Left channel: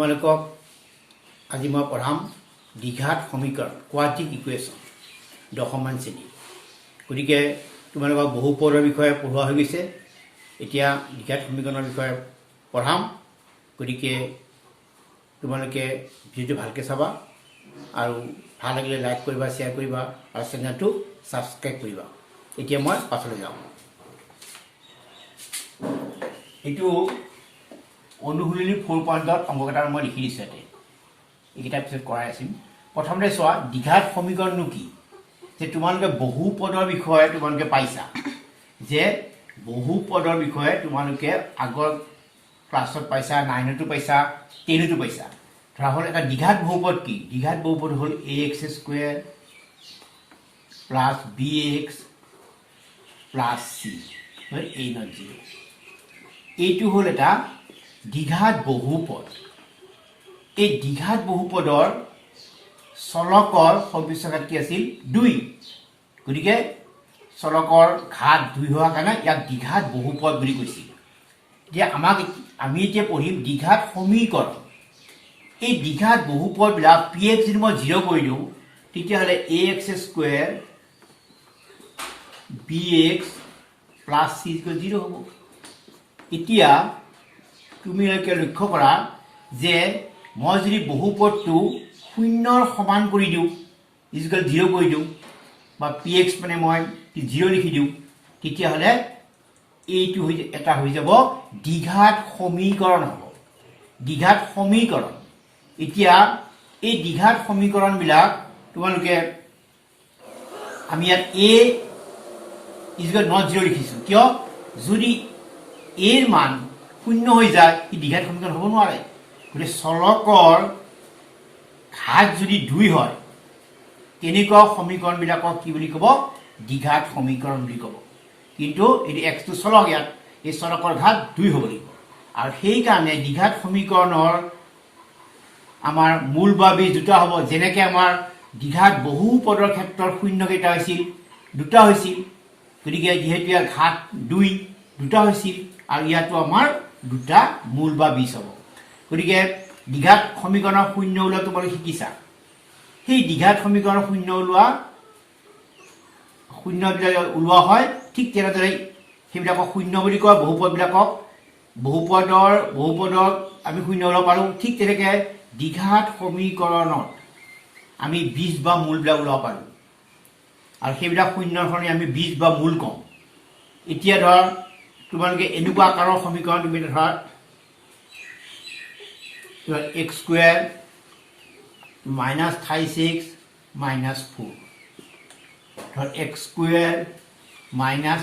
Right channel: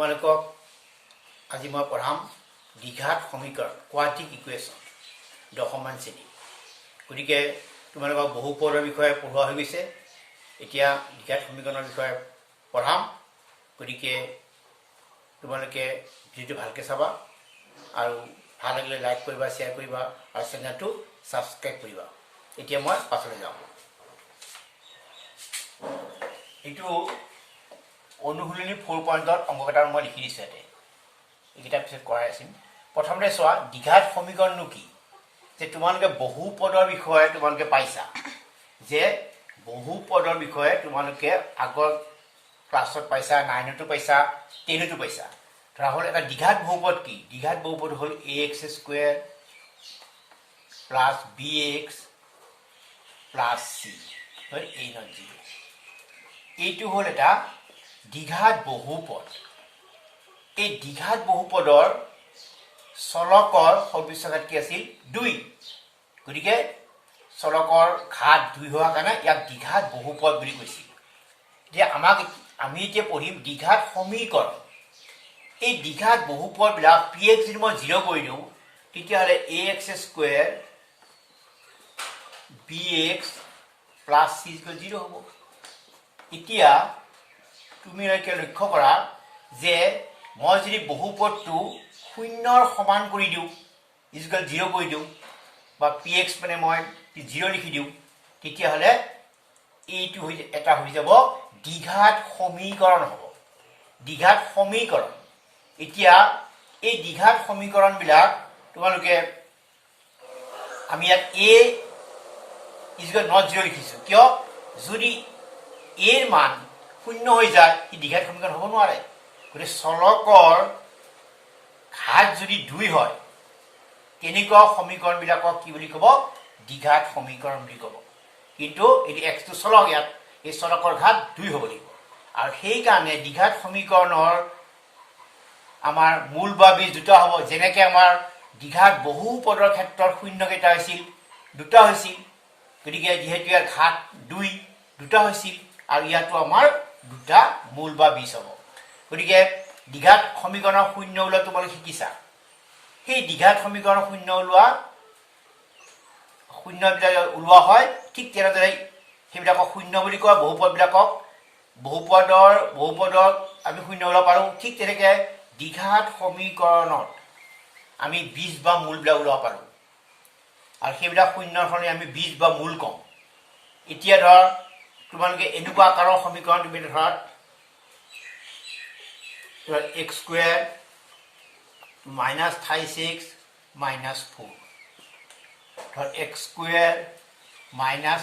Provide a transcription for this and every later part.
তোমালোকক আজি মই পঢ়াম দ্বিঘাত সমীকৰণ কোৱাড্ৰেটিক ইকুৱেশ্যন দশমমান শ্ৰেণী। গতিকে তোমালোকক বহুপদৰ বিষয়ে পঢ়োৱা হৈ গৈছে, এতিয়া দ্বিঘাত সমীকৰণৰ বিষয়ে পঢ়াম। গতিকে তোমালোকে ভিডিঅ'টো ভালকৈ চাবা আৰু ভাল লাগিলে লাইক কৰিবা, শ্বেয়াৰ কৰিবা আৰু চেনেলটো ছাবস্ক্ৰাইব কৰিবা। এতিয়া মই পাছলৈ যাওঁ। এইটো অনুশীলনী 4 অংককেইটা মই লিখি দিছোঁ ইয়াতে, এইকেইটা পিছত কৰাই আছিম। প্ৰথমতে চোৱা দ্বিঘাত সমীকৰণনো কি। যে তোমালোকে বহুপদৰ বিষয়ে তোমালোকে পাইছা, যে বহুপদৰ বিষয়ে তোমালোকে আগৰ ক্লাছত পাইছা, 9তো পাইছা, 10তো পাইছা। ধৰা হ'ল এটা দ্বিঘাত বহুপদ কি? দ্বিঘাত বহুপদ হ'ল ax² plus bx plus c a not 0। এইটো হ'ল এটা দ্বিঘাত বহুপদ। এই দ্বিঘাত বহুপদৰ চলকৰ সদৃশ্যঘাত কি আছিল? 2। গতিকে চলকৰ ঘাত 2 হোৱাৰ কাৰণে ইয়াক দ্বিঘাত বহুপদ বুলি কৈছিল। এতিয়া আমি এতিয়া পঢ়িম দ্বিঘাত সমীকৰণ। এই দ্বিঘাত বহুপদবিলাক px যদি মই 0 কৰি দিওঁ, তেতিয়াহ'লে ax² bx প্লাছ c 0 হ'ব। এতিয়া তুমি লক্ষ্য কৰা যে মই যদি বহুপদটো 0ৰ সমান কৰি দিওঁ, 0 কৰি দিওঁ, বা px মানে মই 0 লিখি দিওঁ, তেতিয়াহ'লে এইটো এটা হৈ যাব দ্বিঘাত সমীকৰণ হ'ব। দ্বিঘাত সমীকৰণ। এতিয়া এই দ্বিঘাত সমীকৰণবিলাক তোমালোকে আমি ইয়াত a not 0 লিখিছোঁ। কিয়? যদি এৰ মান 0 হৈ যায় ই দ্বিঘাত সমীকৰণ হ'ব নোৱাৰে। গতিকে চলকৰ ঘাত যদি 2 হয়, তেনেকুৱা সমীকৰণবিলাকক কি বুলি ক'ব? দ্বিঘাত সমীকৰণ বুলি ক'ব। কিন্তু এইটো এক্সটো চলক, ইয়াত এই চলকৰ ঘাত 2 হ'ব লাগিব। আৰু সেইকাৰণে দ্বিঘাত সমীকৰণৰ আমাৰ মূল বা বীজ দুটা হ'ব। যেনেকৈ আমাৰ দ্বিঘাত বহুপদৰ ক্ষেত্ৰত শূন্য কেইটা হৈছিল? 2টা হৈছিল। গতিকে যিহেতু ইয়াৰ ঘাত 2টা হৈছিল, আৰু ইয়াতো আমাৰ 2টা মূল বা বীজ হ'ব। গতিকে দ্বিঘাত সমীকৰণৰ শূন্য ওলোৱা তোমালোকে শিকিছা। সেই দ্বিঘাত সমীকৰণৰ শূন্যবিলাক ওলোৱা হয় ঠিক তেনেদৰে সেইবিলাকক শূন্য বুলি কয়। বহুপদক আমি শূন্য ওলাব পাৰোঁ। ঠিক তেনেকৈ দ্বিঘাত সমীকৰণত আমি বীজ বা মূলবিলাক ওলাব পাৰোঁ, আৰু সেইবিলাক শূন্যৰ সলনি আমি বীজ বা মূল কওঁ। এতিয়া ধৰ তোমালোকে এনেকুৱা আকাৰৰ সমীকৰণ তুমি ধৰা x² -36 -4, ধৰ x² মাইনাছ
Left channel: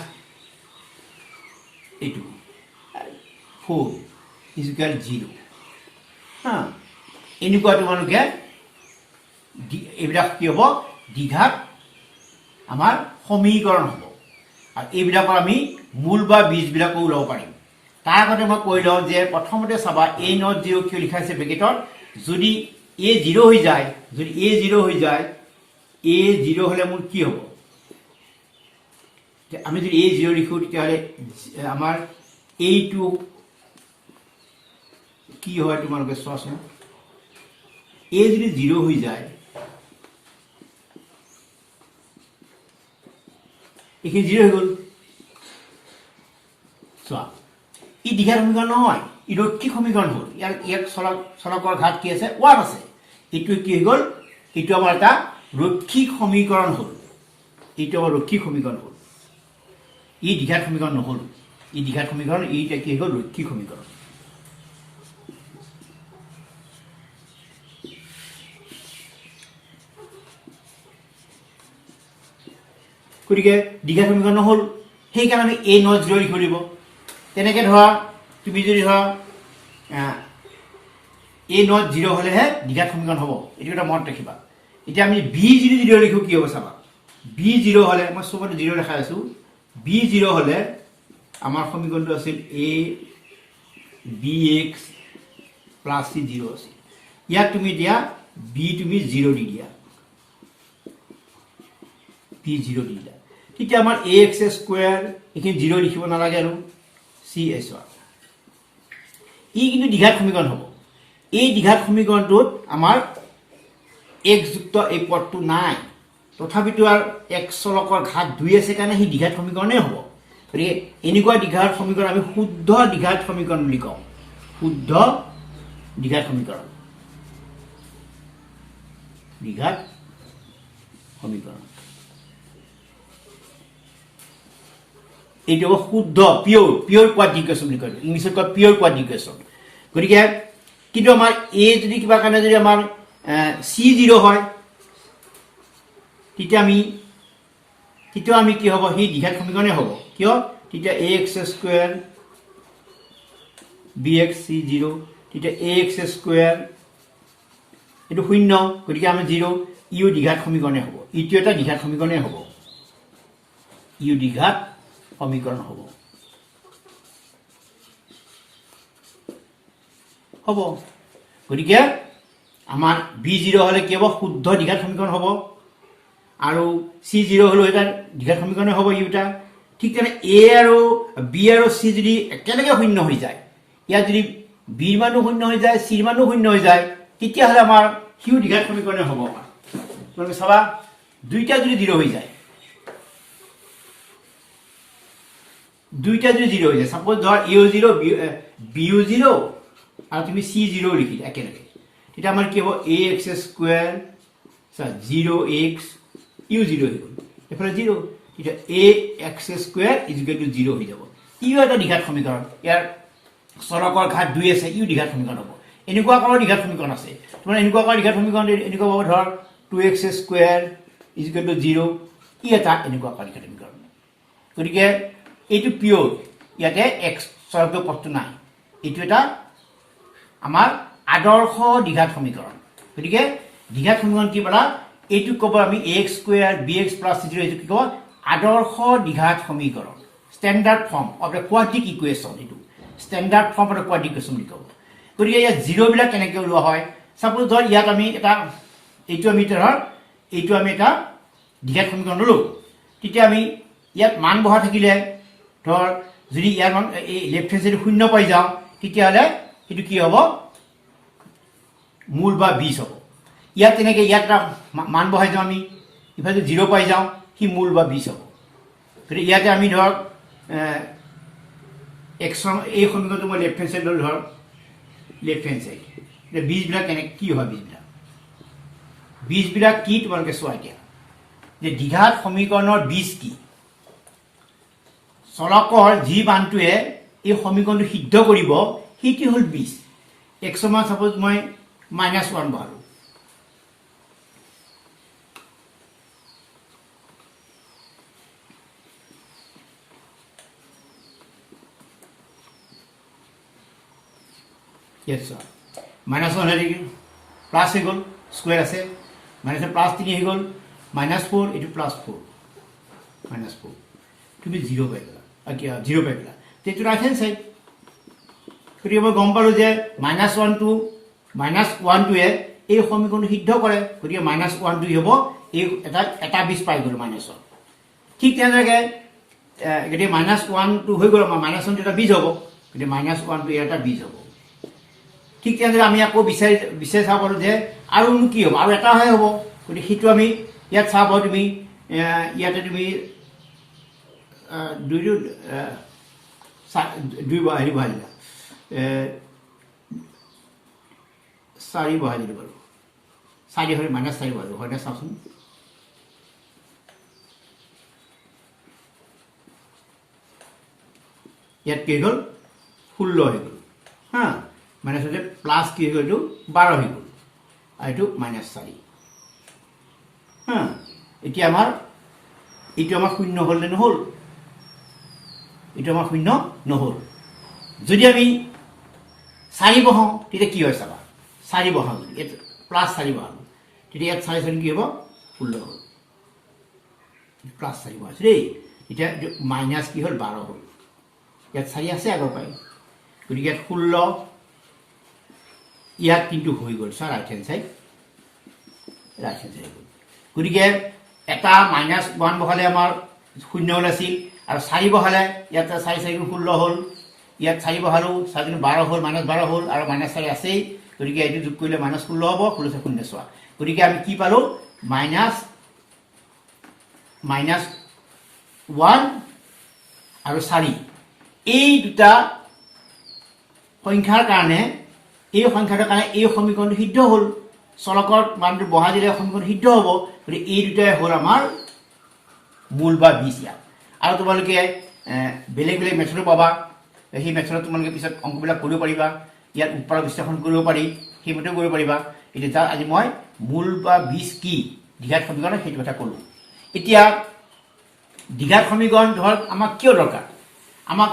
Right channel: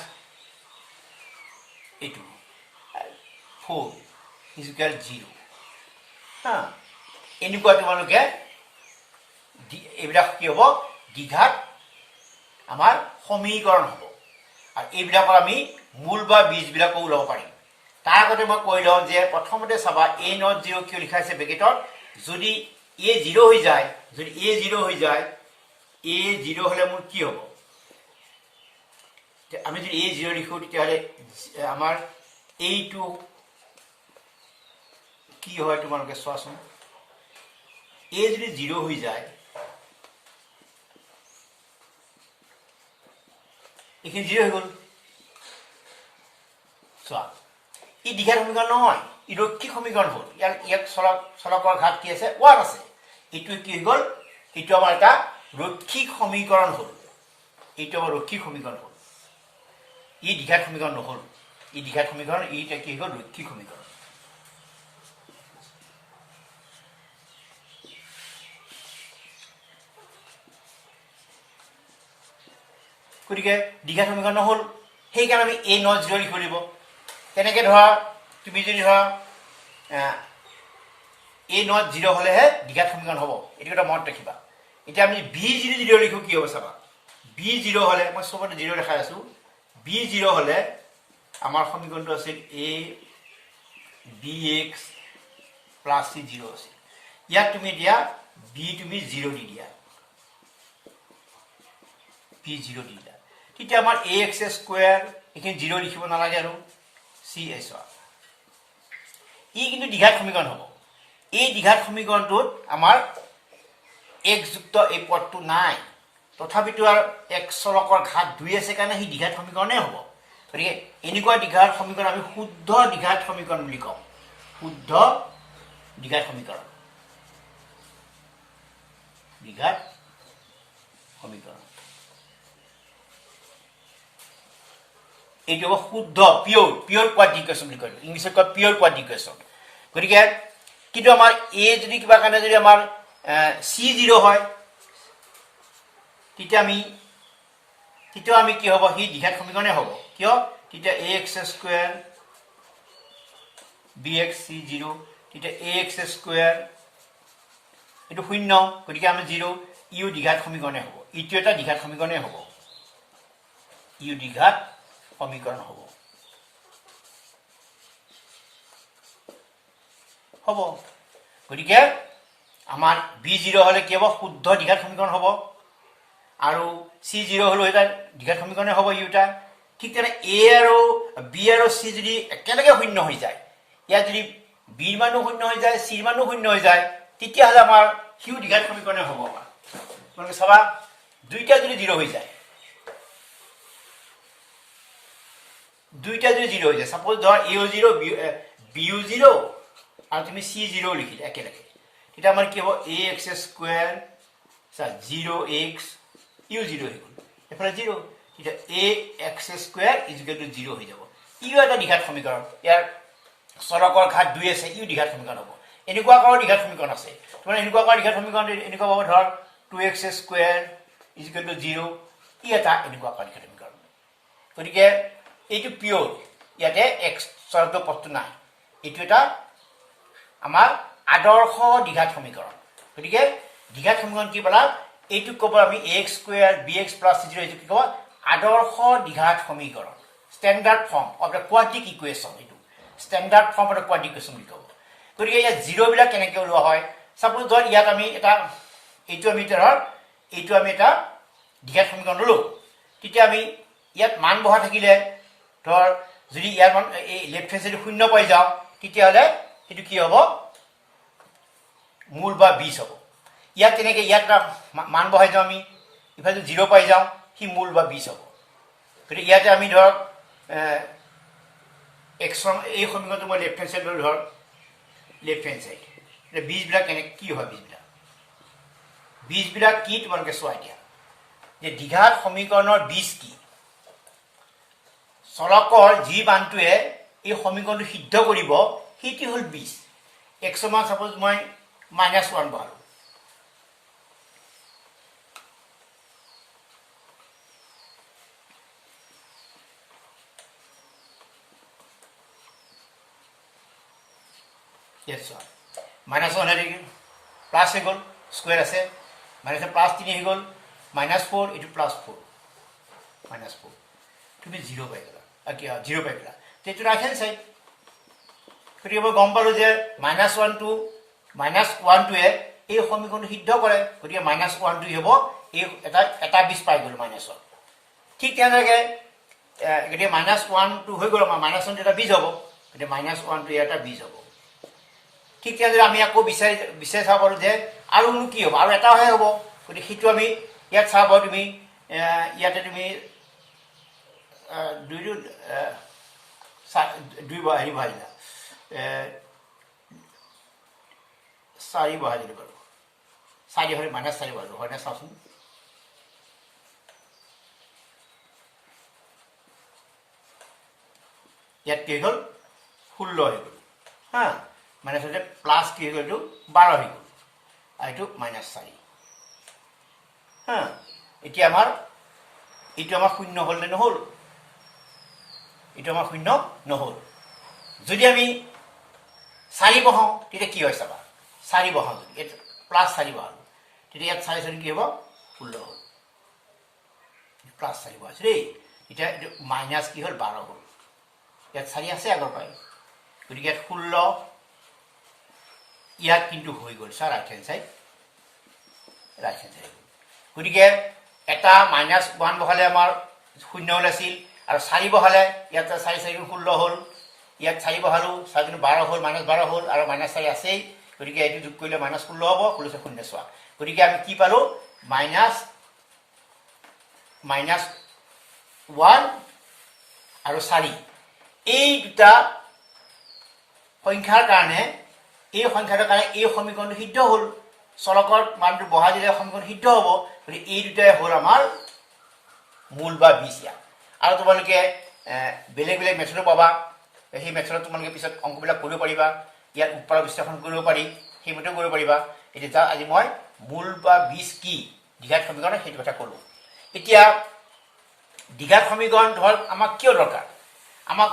এইটো 4 = 0। এনেকুৱা তোমালোকে এইবিলাক কি হ'ব? দ্বিঘাত আমাৰ সমীকৰণ হ'ব। আৰু এইবিলাকৰ আমি মূল বা বীজবিলাকো ওলাব পাৰিম। তাৰ আগতে মই কৈ লওঁ যে প্ৰথমতে চাবা a not 0 কিয় লিখা হৈছে ব্ৰেকেটত? যদি a 0 হৈ যায়, a 0 হ'লে মোৰ কি হ'ব? আমি যদি a 0 লিখোঁ, তেতিয়াহ'লে আমাৰ এইটো কি হয় তোমালোকে চোৱাচোন। a যদি 0 হৈ যায়, এইখিনি 0 হৈ গ'ল। চোৱা, ই দ্বিঘাত সমীকৰণ নহয়, ই ৰৈখিক সমীকৰণ হ'ল। ইয়াক চলকৰ ঘাত কি আছে? 1 আছে। এইটো কি হৈ গ'ল? এইটো আমাৰ এটা ৰৈখিক সমীকৰণ হ'ল। ই দ্বিঘাত সমীকৰণ নহ'ল। ই কি হৈ গ'ল? ৰৈখিক সমীকৰণ। গতিকে দ্বিঘাত সমীকৰণ নহ'ল, সেইকাৰণে আমি a not 0 লিখিব লাগিব। তেনেকৈ ধৰা তুমি যদি ধৰা a not 0 হ'লেহে দ্বিঘাত সমীকৰণ হ'ব। এইটো এটা মনত ৰাখিবা। এতিয়া আমি b যদি 0 লিখোঁ কি হ'ব চাবা। b 0 হ'লে, মই চবতে 0 দেখাই আছোঁ, b 0 হ'লে আমাৰ সমীকৰণটো আছিল a bx প্লাছ c 0 আছিল। ইয়াক তুমি এতিয়া b তুমি 0 দি দিয়া, b 0 দি দিয়া। তেতিয়া আমাৰ ax² এইখিনি 0 লিখিব নালাগে আৰু cs। ই কিন্তু দ্বিঘাত সমীকৰণ হ'ব। এই দ্বিঘাত সমীকৰণটোত আমাৰ x যুক্ত এই পদটো নাই তথাপিতো আৰু x চলকৰ ঘাত 2 আছে কাৰণে সেই দ্বিঘাত সমীকৰণেই হ'ব গতিকে এনেকুৱা দ্বিঘাত সমীকৰণ আমি শুদ্ধ দ্বিঘাত সমীকৰণ বুলি কওঁ শুদ্ধ দ্বিঘাত সমীকৰণ দ্বিঘাত সমীকৰণ এইটো হ'ব শুদ্ধ পিয়ৰ কোৱাড্ৰিক বুলি কয় ইংলিছত কয় পিয়ৰ কোৱাড্ৰিক গতিকে কিন্তু আমাৰ এ যদি কিবা কাৰণে যদি আমাৰ C0 হয় তেতিয়া আমি কি হ'ব সেই দ্বিঘাত সমীকৰণে হ'ব কিয় তেতিয়া ax স্কয়াৰ bx c0 তেতিয়া ax স্কয়াৰ এটো শূন্য গতিকে আমি 0 ইউ দ্বিঘাত সমীকৰণে হ'ব ইটো এটা দ্বিঘাত সমীকৰণে হ'ব ইউ দ্বিঘাত সমীকৰণ হ'ব গতিকে আমাৰ b0 হলে কি হ'ব শুদ্ধ দ্বিঘাত সমীকৰণ হ'ব আৰু c0 হলো এটা দ্বিঘাত সমীকৰণে হ'ব ইউটা ঠিক তেনে a আৰু b আৰু c যদি একেলগে শূন্য হৈ যায় ইয়া যদি b ৰ মানো শূন্য হৈ যায় c ৰ মানো শূন্য হৈ যায় তেতিয়া হলে আমাৰ হিউ দ্বিঘাত সমীকৰণে হ'ব তুমি চাবা দুইটা যদি 0 হৈ যায় দুইটা যদি 0 হৈ যায় সাপোজ ধৰ a ও 0 b ও 0 আৰু তুমি c0 লিখিলা একেলগে এটা আমাৰ কি হ'ব ax স্কয়াৰ 0x u 0 হৈ গ'ল এফালে 0 এটা ax স্কয়াৰ = 0 হৈ যাব ইউ এটা দ্বিঘাত সমীকৰণ ইয়াৰ চলকৰ ঘাত 2 আছে ইউ দ্বিঘাত সমীকৰণ হ'ব এনেকুৱা আকাৰৰ দ্বিঘাত সমীকৰণ আছে তোমাৰ এনেকুৱা আকাৰৰ দ্বিঘাত সমীকৰণ এনেকুৱা হ'ব ধৰ 2x স্কয়াৰ = 0 ই এটা এনেকুৱা আকাৰৰ দ্বিঘাত সমীকৰণ গতিকে এইটো পিয়ৰ ইয়াতে x চলকৰ পদটো নাই এইটো এটা আমাৰ আদৰ্শ দ্বিঘাত সমীকৰণ গতিকে দ্বিঘাত সমীকৰণ কি বলা এইটো ক'ব আমি ax স্কয়াৰ bx + c0 এইটো কি ক'ব আদৰ্শ দ্বিঘাত সমীকৰণ standard form of the quadratic equation এইটো standard form of the quadratic equation বুলি ক'ব গতিকে ইয়াত 0 বিলাক কেনেকৈ ওলোৱা হয় সাপোজ ধৰ ইয়াত আমি এটা এইটো আমি এটা দ্বিঘাত সমীকৰণ ললো তেতিয়া আমি ইয়াত মান বহা থাকিলে ধৰ যদি ইয়াৰ মান এই লেফট হ্যান্ড সাইডে শূন্য পাই যাও তেতিয়া হলে এটো কি হ'ব মূল বা 20 হ'ব ইয়াত তেনেকৈ ইয়াত মান বহাই যাও আমি ইফালে 0 পাই যাও কি মূল বা 20 হ'ব গতিকে ইয়াতে আমি ধৰ x এই সমীকৰণটো মই লেফট হ্যান্ড সাইড ধৰ লেফট হ্যান্ড সাইড এটা 20 বিলাক কেনে কি হয় 20 বিলাক কি তোমালোকে চোৱা এতিয়া যে দ্বিঘাত সমীকৰণৰ 20 কি চলকৰ যি মানটোৱে এই সমীকৰণটো সিদ্ধ কৰিব সেইটো হল 20 x মান সাপোজ মই -1 বহালো yes sir -1 হেৰি প্লাস হৈ গ'ল স্কয়াৰ আছে মানে +3 হৈ গ'ল -4 এটো +4 -4 তুমি 0 পাই গলা আকি 0 পাই গলা তেটো ৰাইট হ্যান্ড সাইড গতিকে মই গম পালো যে -1 এ এই সমীকৰণটো সিদ্ধ কৰে গতিকে -1 হ'ব এই এটা 20 পাই গ'ল -1 ঠিক তেনেকৈ গতিকে -1 হৈ গ'ল -1 এটা 20 হ'ব গতিকে -1 এটা 20 হ'ব ঠিক তেনেদৰে আমি আকৌ বিচাৰি চাব পাৰো যে আৰু কি হ'ব আৰু এটা হয় হ'ব গতিকে সেইটো আমি ইয়াত চাব তুমি ইয়াতে তুমি দুই হেৰি বহাই দিলা 4 বহাই দিলো বাৰু 4 হয় -4 বহালো হয় না চাওচোন ইয়াত কি হ'ল 16 হৈ গ'ল হা মানে সেটা প্লাস কি হৈ গ'ল 12 হৈ গ'ল আৰু এটো -4 হা এতিয়া আমাৰ শূন্য হ'ল নে নহল এটা আমাৰ শূন্য নহল যদি আমি 4 বহাও তেতিয়া কি হয় চাবা 4 বহাও এটা +4 বহাও তেতিয়া ইয়াত 4 কি হ'ব 16 হ'ল +4 বহাইছো দেই এতিয়া মাইনাস কি হ'ল 12 হ'ল ইয়াত 4 আছে আগৰ পাই গতিকে ইয়াত 16 ইয়াত কিন্তু হৈ গ'ল স্যাৰ ৰাইট হ্যান্ড সাইড গতিকে এটা -1 বহালে আমাৰ শূন্য হ'ল আছিল আৰু 4 বহালে ইয়াত 4 4 16 হ'ল ইয়াত 4 বহালো 4 12 হ'ল -12 হ'ল আৰু -4 আছেই গতিকে এইটো যোগ কৰিলে -16 হ'ব 16 শূন্য চোৱা গতিকে আমি কি পালো -1 আৰু 4 এই দুটা সংখ্যাৰ কাৰণে এই সংখ্যাটোৰ কাৰণে এই সমীকৰণটো সিদ্ধ হ'ল চলকৰ মানটো বহাই দিলে সমীকৰণ সিদ্ধ হ'ব গতিকে এই দুটাই হ'ল আমাৰ মূল বা বীজ ইয়াত আৰু তোমালোকে বেলেগ বেলেগ মেথডো পাবা সেই মেথডত তোমালোকে পিছত অংকবিলাক কৰিব পাৰিবা ইয়াত উৎপাদক বিশ্লেষণ কৰিব পাৰি সেইমতেও কৰিব পাৰিবা এতিয়া আজি মই মূল বা বীজ কি দ্বিঘাত সমীকৰণ সেইটো কথা ক'লোঁ এতিয়া দ্বিঘাত সমীকৰণ ধৰ আমাক কিয় দৰকাৰ আমাক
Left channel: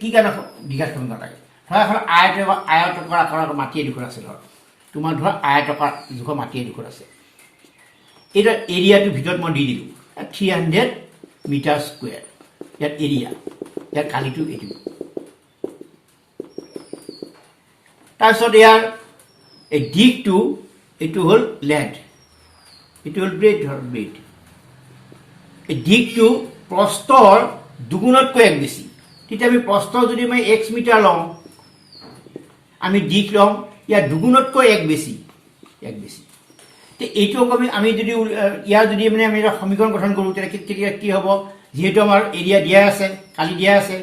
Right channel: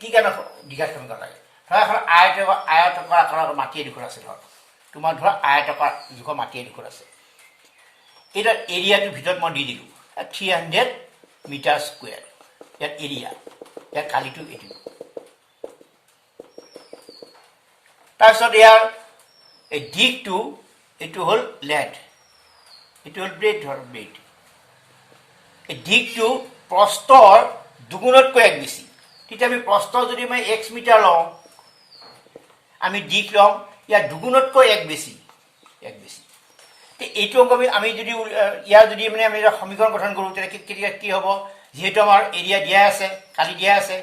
কি কাৰণে দ্বিঘাত সমীকৰণ লাগে ধৰ এখন আয়তকাৰ আকাৰৰ মাটি এডোখৰ আছে ধৰ তোমাৰ ধৰ আয়তকাৰ জোখৰ মাটি এডোখৰ আছে এটা এৰিয়াটোৰ ভিতৰত মই দি দিলোঁ 300 মিটাৰ স্কুৱেৰ ইয়াত এৰিয়া ইয়াত কালিটো এইটো তাৰপিছত ইয়াৰ এই দিশটো এইটো হ'ল লেন্থ এইটো হ'ল ব্ৰেড ধৰ ব্ৰেড এই দিশটো প্ৰস্থৰ দুগুণতকৈ এক বেছি তেতিয়া আমি প্ৰস্থ যদি মই x মিটাৰ লওঁ আমি দিশ লওঁ ইয়াৰ দুগুণতকৈ এক বেছি এইটো অংক আমি যদি ইয়াৰ যদি মানে আমি সমীকৰণ গঠন কৰোঁ তেতিয়া কি হ'ব যিহেতু আমাৰ এৰিয়া দিয়া আছে কালি দিয়া আছে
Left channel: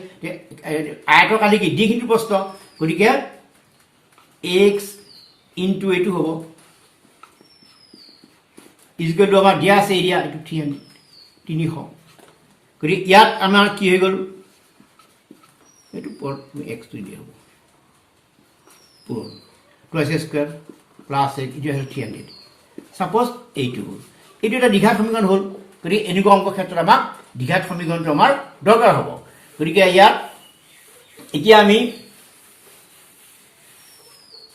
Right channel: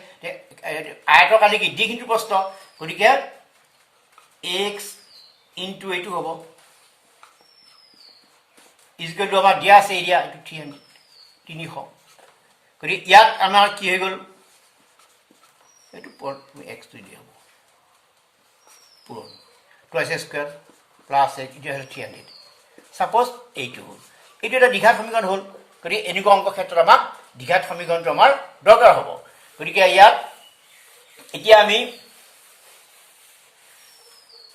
আয়তৰ কালি কি দিশ ইনটু প্ৰস্থ গতিকে x ইনটু এইটো হ'ব ইজুকেলটো আমাৰ দিয়া আছে এৰিয়া এইটো 300 গতিকে ইয়াত আমাৰ কি হৈ গ'ল এইটো এক্সটো দিয়া হ'ব পূৰণ টুৱাইছ স্কুৱেৰ প্লাছ এইটো হ'ল 300 ছাপ'জ এইটো হ'ল এইটো এটা দ্বিঘাত সমীকৰণ হ'ল গতিকে এনেকুৱা অংকৰ ক্ষেত্ৰত আমাক দ্বিঘাত সমীকৰণটো আমাৰ দৰকাৰ হ'ব গতিকে ইয়াত এতিয়া আমি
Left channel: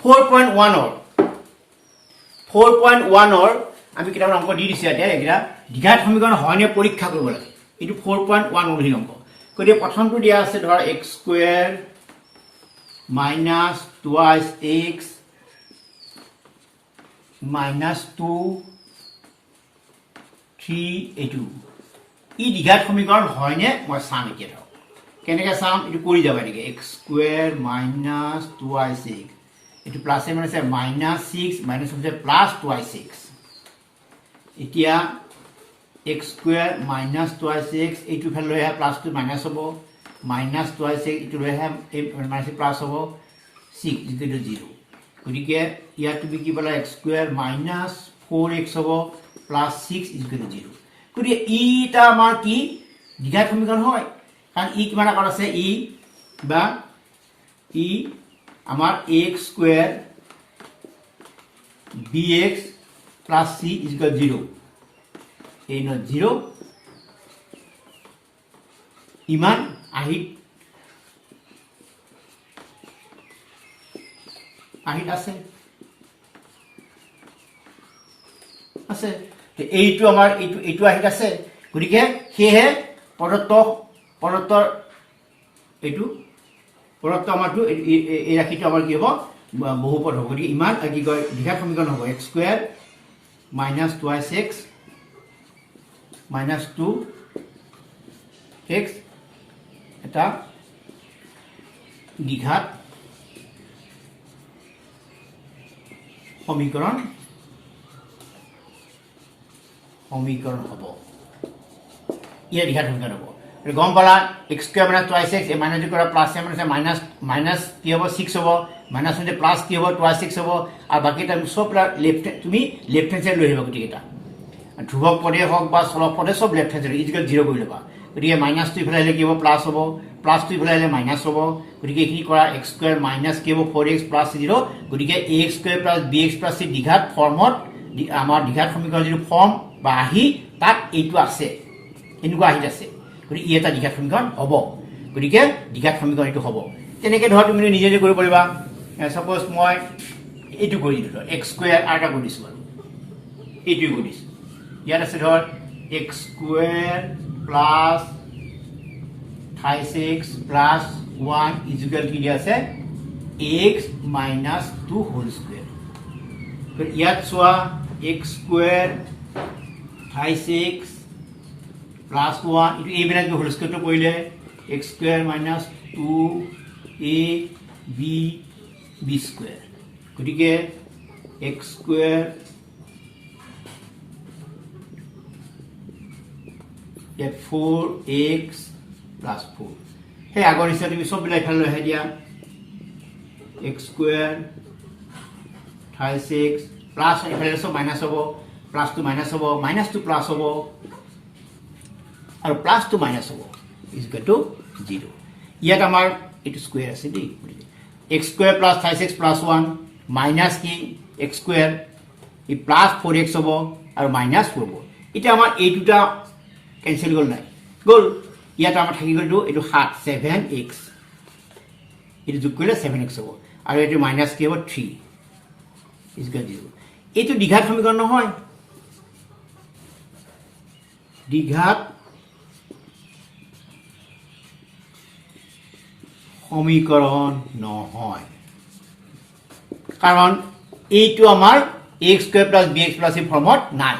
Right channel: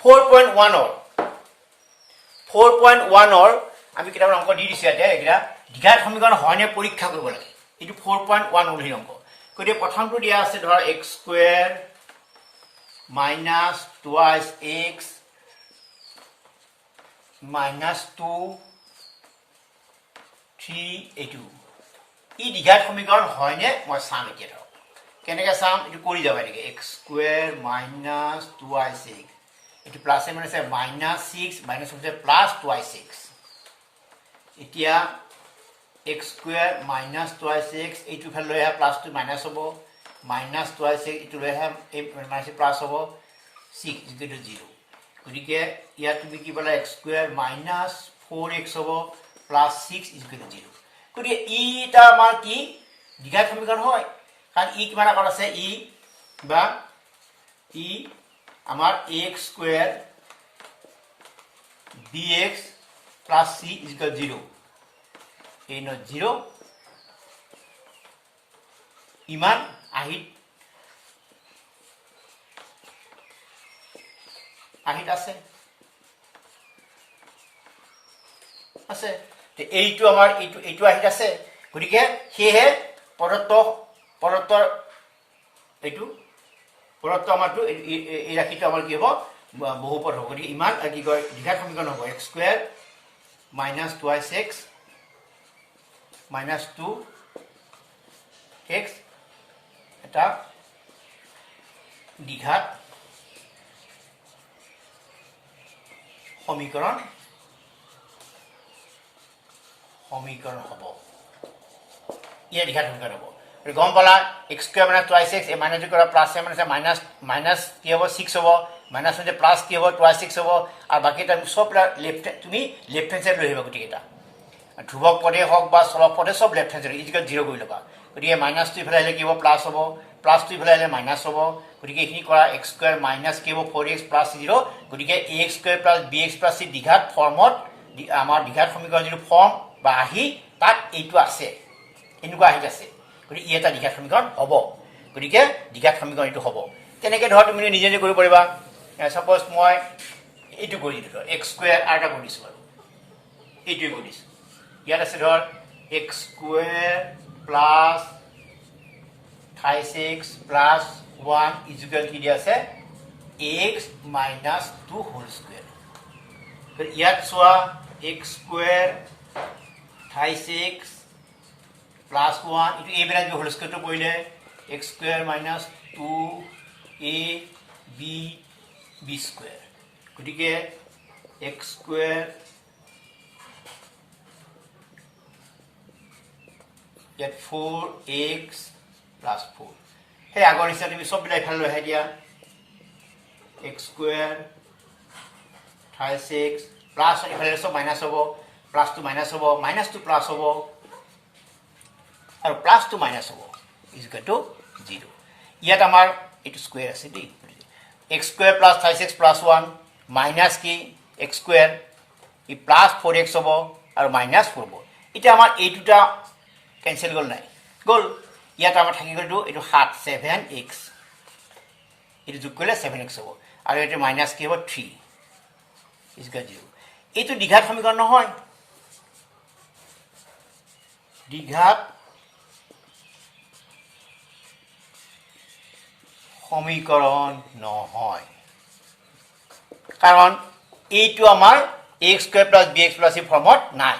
4.1 আমি কেইটামান অংক দি দিছোঁ ইয়াতে এইকেইটা দ্বিঘাত সমীকৰণ হয়নে পৰীক্ষা কৰিব লাগে এইটো 4.1 মূলহীন অংক গতিকে প্ৰথমটো দিয়া আছে ধৰ x square minus twice x minus 2 3 এইটো ই দ্বিঘাত সমীকৰণ হয়নে মই চাম এতিয়া ধৰক কেনেকৈ চাম এইটো কৰি যাব নেকি x square minus twice x এইটো plus minus minus 6 minus plus twice x এতিয়া x square minus twice x এইটো ফালে লৈ আহা প্লাছটো মাইনাছ হ'ব মাইনাছ টুৱাইছ x এইটো লৈ আহা এই মাইনাছ প্লাছ হ'ব 6 ইকুৱেল টু 0 গতিকে ইয়াত তুমি কি পালা x স্কুৱেৰ মাইনাছ 4x হ'ব প্লাছ 6 ইকুৱেল টু 0 গতিকে ইটা আমাৰ কি দ্বিঘাত সমীকৰণ হয় কাৰণ ই কিমান আকাৰ আছে ই আমাৰ x square bx plus c equal 0 এই ন 0 ইমান আহিত আছে এইটো আমাৰ এইটো আহিত আছে গতিকে সেয়েহে প্ৰদত্ত আমাৰটো এই ৰাশিটো আমাৰ কি হ'ব বহুপদ হ'ব গতিকে ইমান কি কয় দ্বিঘাত সমীকৰণ হ'ব x square minus twice x minus 2x এটা দ্বিঘাত সমীকৰণ হ'ব ইয়াৰ দ্বিঘাত সমীকৰণ হ'ব গম পালা x square minus twice x এই মাইনাছ কৰা প্লাছ মাইনাছ কি হ'ব 6 হ'ব মাইনাছ মানে প্লাছ কি হ'ব টুৱাইছ 6 হ'ব আৰু বাকী তুমি চব তুমি লেফ্ট হেণ্ড চাইড লৈ আহিবা গোটেইকেইটা ধ্ৰুৱক পদে হওক বা চলক পদে চব লেফ্ট হেণ্ড চাইড ইজিকেল 0 কৰি ল'বা গতিকে মাইনাছটো ইফালে আহিলে কি হ'ব প্লাছ হ'ব প্লাছটো ইফালে আহিলে মাইনাছ হ'ব গতিকে এইখিনি কৰা x স্কুৱেৰ মাইনাছ কি হ'ব 4x প্লাছ 0 গতিকে ax square plus bx plus c দ্বিঘাত ফৰ্মত আমাৰ দ্বিঘাত সমীকৰণ যিটো ফৰ্ম বা আহি তাত এইটো আছে এনেকুৱা আহিত আছে গতিকে ই এটা দ্বিঘাত সমীকৰণ হ'ব গতিকে দ্বিঘাত সমীকৰণ এইটো হ'ব তেনেকৈ ধৰ তুমি নিজে নিজে কৰিব পাৰিবা ছাপ'জ মই এইটো কৰি দিলোঁ ধৰ x স্কুৱেৰ আৰু এটা কৰি দিছোঁ বাৰু এইটোৱে কৰি দিছোঁ ইয়াত আছে ধৰ x square plus 26 plus 1 equal কি দিয়া আছে x মাইনাছ 2 হোল স্কুৱেৰ ইয়াত চোৱা x স্কুৱেৰ 26 প্লাছ 1 এইটো এইবিলাক হোল স্কুৱেৰটো কৰিলে x square minus 2 a b b square গতিকে x স্কয়াৰ ইয়াত 4x plus 4 হে আগৰ নিচিনা তুমি সব বিলাই ফেল লৈ আহি দিয়া x স্কয়ার 36 প্লাস এফালে সব মাইনাস হ'ব প্লাস টু মাইনাস হ'ব মাইনাস টু প্লাস হ'ব আৰু প্লাস টু মাইনাস হ'ব ইজ ইকুয়াল টু 0 ইয়াত আমাৰ এটো স্কয়ার আছে দেই x square plus 36 plus 1 minus কি x স্কয়ার ই প্লাস 4x হ'ব আৰু মাইনাস 4 হ'ব এটা আমাৰ এই দুটা কেনসেল গল নাই গল ইয়াত আমাৰ থাকি গলটো এটো 7x এটো যোগ কৰিলে 7x হ'ব আৰু এটো মাইনাস কি হ'ব 3 ইজ ইকুয়াল টু 0 এইটো দ্বিঘাত সমীকৰণ নহয় দ্বিঘাত সমীকৰণ নহয় কাৰণ এইটো আমাৰ x square plus bx plus এই ফৰ্মত নাই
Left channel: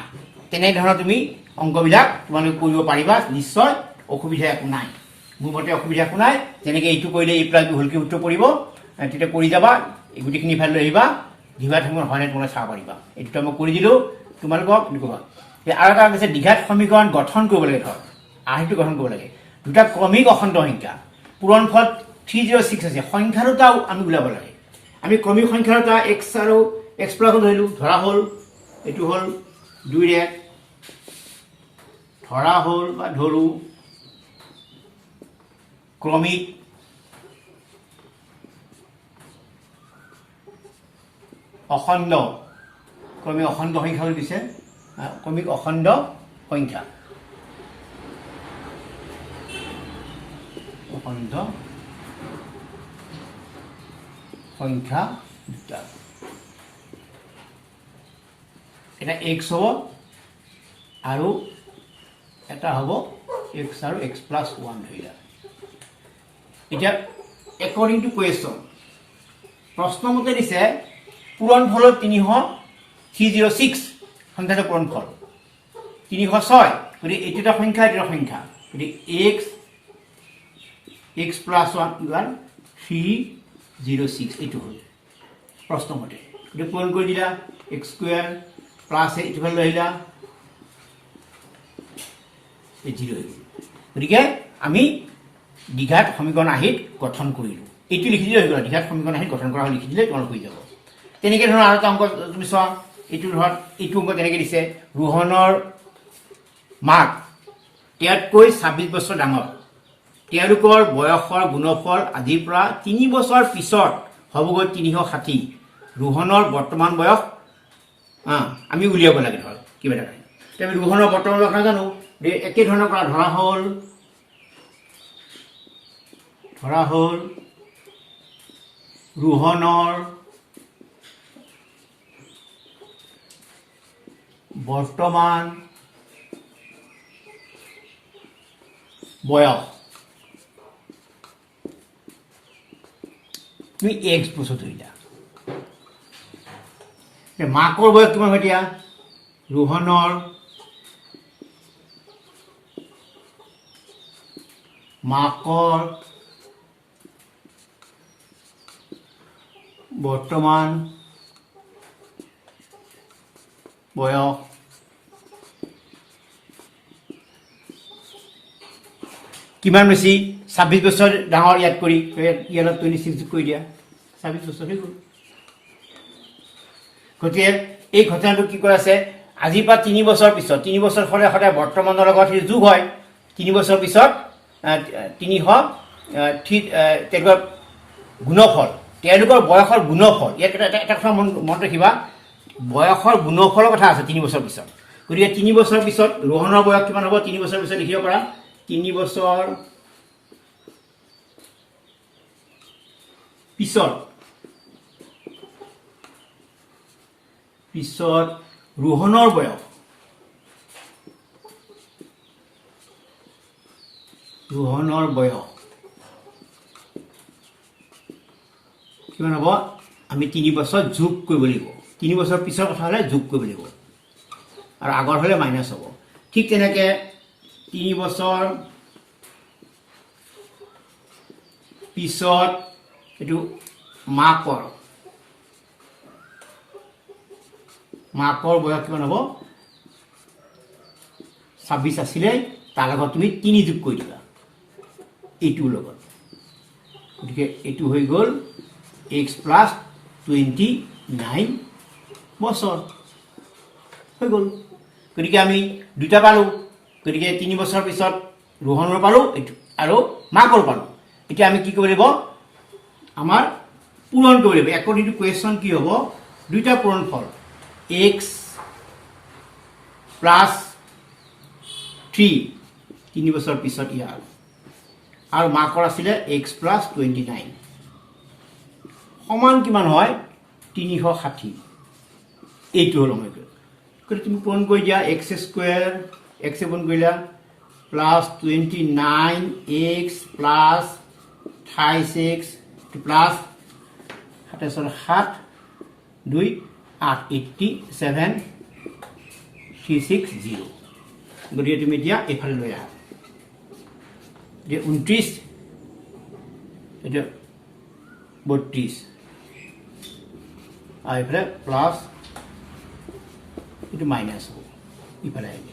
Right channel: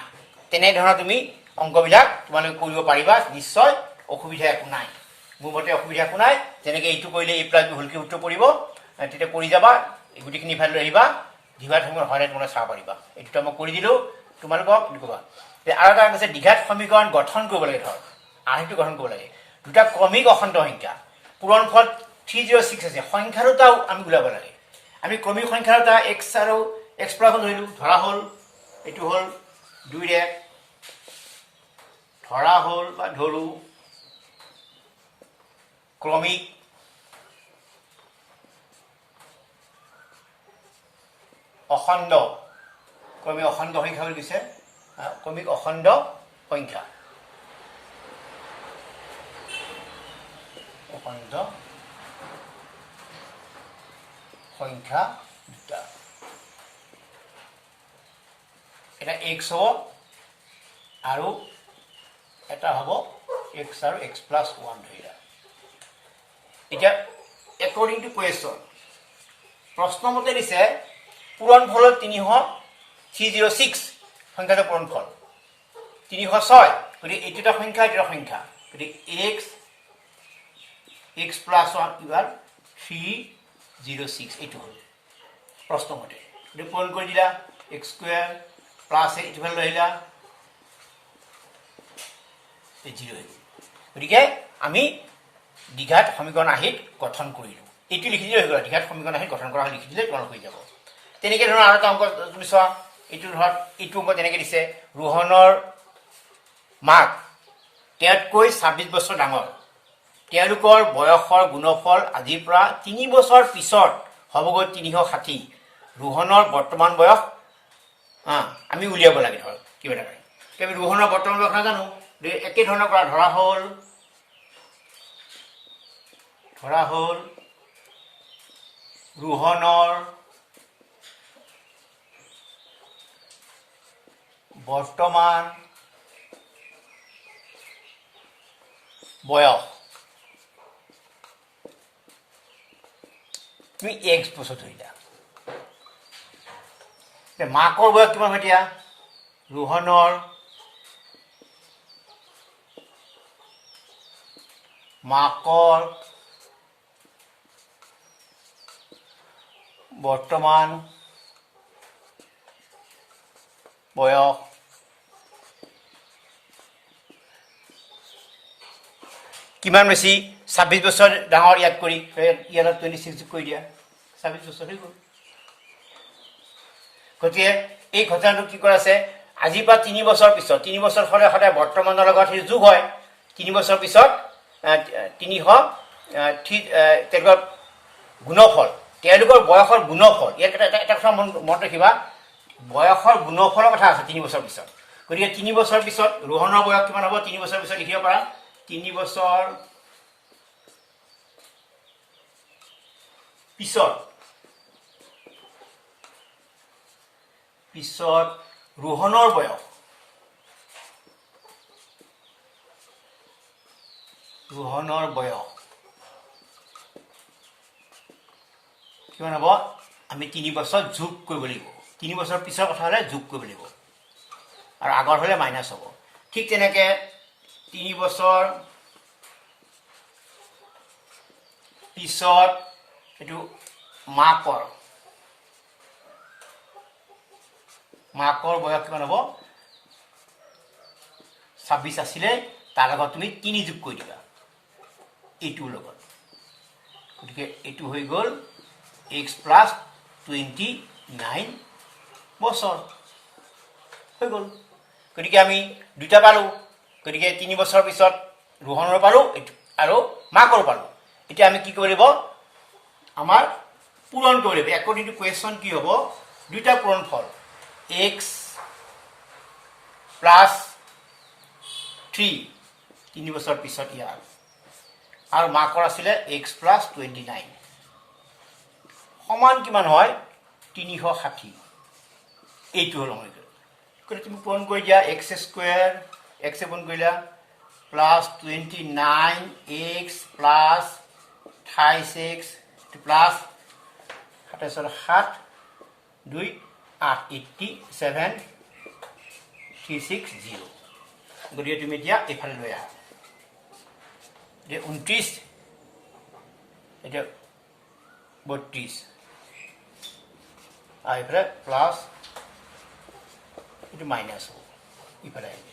তেনে ধৰণৰ তুমি অংকবিলাক তোমালোকে কৰিব পাৰিবা নিশ্চয় অসুবিধা একো নাই মোৰ মতে অসুবিধা একো নাই যেনেকৈ এইটো কৰিলে a plus b whole cube সূত্ৰ পৰিব তেতিয়া কৰি যাবা এই গুটিখিনি ফাইল লৈ আহিবা দ্বিঘাত সমীকৰণ হয়নে তোমালোকে চাব পাৰিবা এইটো মই কৰি দিলো তোমালোকক লিখবা আৰু এটা আছে দ্বিঘাত সমীকৰণ গঠন কৰিব লাগে ধৰ আহেটো গঠন কৰিব লাগে দুটা ক্ৰমিক অখণ্ড সংখ্যা পূৰণফল 306 আছে সংখ্যা দুটাও আমি উলাব লাগে আমি ক্ৰমিক সংখ্যা দুটা x আৰু x প্লাস ধৰিলো ধৰা হল এটো হল 2 ৰে ধৰা হল বা ধৰু ক্ৰমিক অখণ্ড ক্ৰমিক অখণ্ড সংখ্যা বুলি দিছে ক্ৰমিক অখণ্ড সংখ্যা অখণ্ড সংখ্যা দুটা এটা x হ'ব আৰু এটা হ'ব x আৰু x plus 1 ধৰিলা এটা according to question প্ৰশ্ন মতে দিছে পূৰণফল 306 সংখ্যাটো পূৰণফল 306 গতি এইটা সংখ্যা এটা সংখ্যা গতি x plus 1 ইকুয়াল 306 এইটো হল প্ৰশ্ন মতে গতি পূৰণ কৰি দিলা x স্কয়াৰ প্লাস এইটো লৈ আহিলা এই 0 গতিকে আমি দ্বিঘাত সমীকৰণ আহিত গঠন কৰিলো এইটো লিখি দিলে হৈ গ'ল দ্বিঘাত সমীকৰণ আহিত গঠন কৰা লিখি দিলে তোমালোক হৈ যাব তেনেকৈ ধৰণৰ আৰু এটা অংক তুমি চোৱা এইটো ধৰ এইটো অংক তেনেকৈ দিছে ৰোহনৰ মাক তেওঁতকৈ 26 বছৰ ডাঙৰ তেওঁলোকৰ বয়সৰ গুণফল আদিৰ পৰা 3 বছৰ পিছত হ'বগৈ 360 ৰোহনৰ বৰ্তমান বয়স আমি উলিয়াব লাগে ধৰ কিবা এটা আমি ৰোহনৰ বৰ্তমান বয়স নাজানো একে ধৰণৰ কৰা ধৰা হল ৰোহনৰ বৰ্তমান বয়স তুমি x বছৰ ধৰিলা মাকৰ বয়স কিমান এতিয়া ৰোহনৰ মাকৰ বৰ্তমান বয়স কিমান বেছি 26 বছৰ ডাঙৰ ইয়াত কৰি ইয়াত 26 কৰি দিয়া 26 বছৰ হৈ গ'ল গতিকে এই ঘটনাটো কি কৰা আছে আজি পৰা 3 বছৰ পিছত 3 বছৰ হলে হলে বৰ্তমানৰ লগত যোগ হয় 3 বছৰ পিছত 300 গুণফল তেওঁলোকৰ বয়সৰ গুণফল ইয়াত এটা কথা মনত ৰাখিবা বয়সৰ গুণফলৰ কথা আছে 3 বছৰ পিছত গতিকে 3 বছৰ পিছত ৰোহনৰ বয়স কিমান হ'ব 3 বছৰ পিছত লিখিব পাৰা 3 বছৰ পিছত ৰোহনৰ বয়স কিমান হ'ব আমি 3 বছৰ যোগ কৰিব লাগিব 3 বছৰ পিছৰ কথা হলে যোগ কৰিব লাগিব আৰু আগৰ হলে মাইনাস হ'ব ঠিক তেনেকৈ 3 বছৰ পিছত এটো মাকৰ মাকৰ বয়স কিমান হ'ব 26 আছিলে তাৰ লগত তুমি 3 যোগ কৰি দিবা এইটোৰ লগত গতিকে এইটো হৈ গ'ল x plus 29 বছৰ হৈ গ'ল গতিকে আমি দুটা পালো গতিকে 3 বছৰ পিছত ৰোহনৰ পালো আৰু মাকৰ পালো এতিয়া আমি কি কৰিব আমাৰ পূৰণ কৰিব লাগিব একৰ্ডিং টু কোৱেশ্চন কি হ'ব দুটা পূৰণ ফল x plus 3 3 বছৰ পিছত ইয়াৰ আৰু মাকৰ আছিলে x plus 29 সমান কিমান হয় 360 এইটো হল আমাৰ গতিকে তুমি পূৰণ কৰি দিয়া x স্কয়াৰ x পূৰণ কৰিলা plus 29x plus 28x plus 7 2 8 87 360 গতিকে তুমি এতিয়া এফালে লৈ আহা যে 29 এটা 32 আর এফালে প্লাস এটা মাইনাস হব এফালে আইবে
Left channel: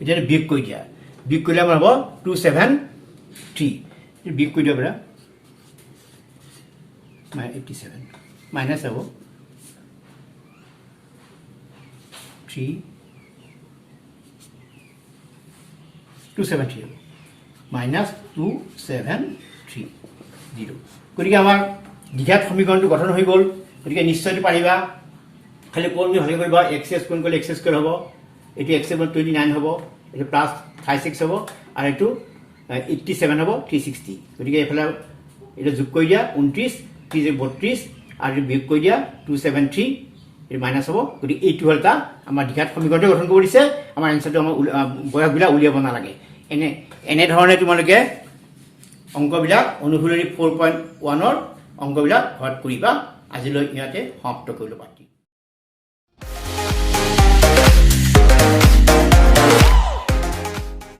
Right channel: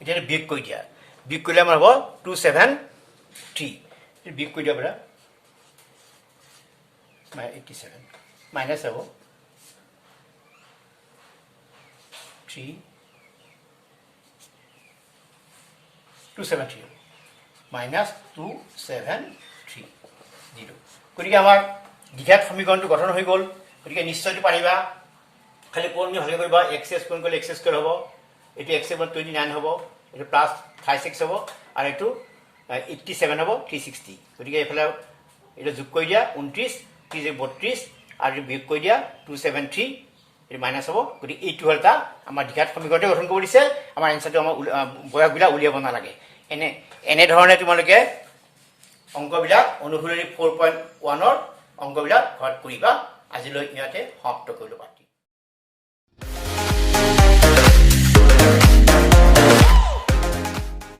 এটা বিয়োগ কৰি দিয়া বিয়োগ কৰিলে আমাৰ হ'ব 273 এটা বিয়োগ কৰি দিয়া বৰা 87 মাইনাস হ'ব 3 273 minus 273 0 গতিকে আমাৰ দ্বিঘাত সমীকৰণটো গঠন হৈ গ'ল গতিকে নিশ্চয়টো পাৰিবা খালি কোন ভালে কৰিবা x কোন কৰিলে x স্কয়াৰ হ'ব এটি x 29 হ'ব এটি প্লাস 56 হ'ব আৰু এটো 87 হ'ব 360 গতিকে এফালে এটা যোগ কৰি দিয়া 29 32 আৰু বিয়োগ কৰি দিয়া 273 এটি মাইনাস হ'ব গতিকে এইটো হলটা আমাৰ দ্বিঘাত সমীকৰণটো গঠন কৰি দিছে আমাৰ আনসাৰটো আমাৰ বয়সবিলাক উলিয়াব নালাগে এনে ধৰণে তোমালোকে অংকবিলাক অনুশীলনী 4.1 ৰ অংকবিলাক ঘৰত কৰিবা আজিলৈ ইয়াতে সমাপ্ত কৰিলো পাতি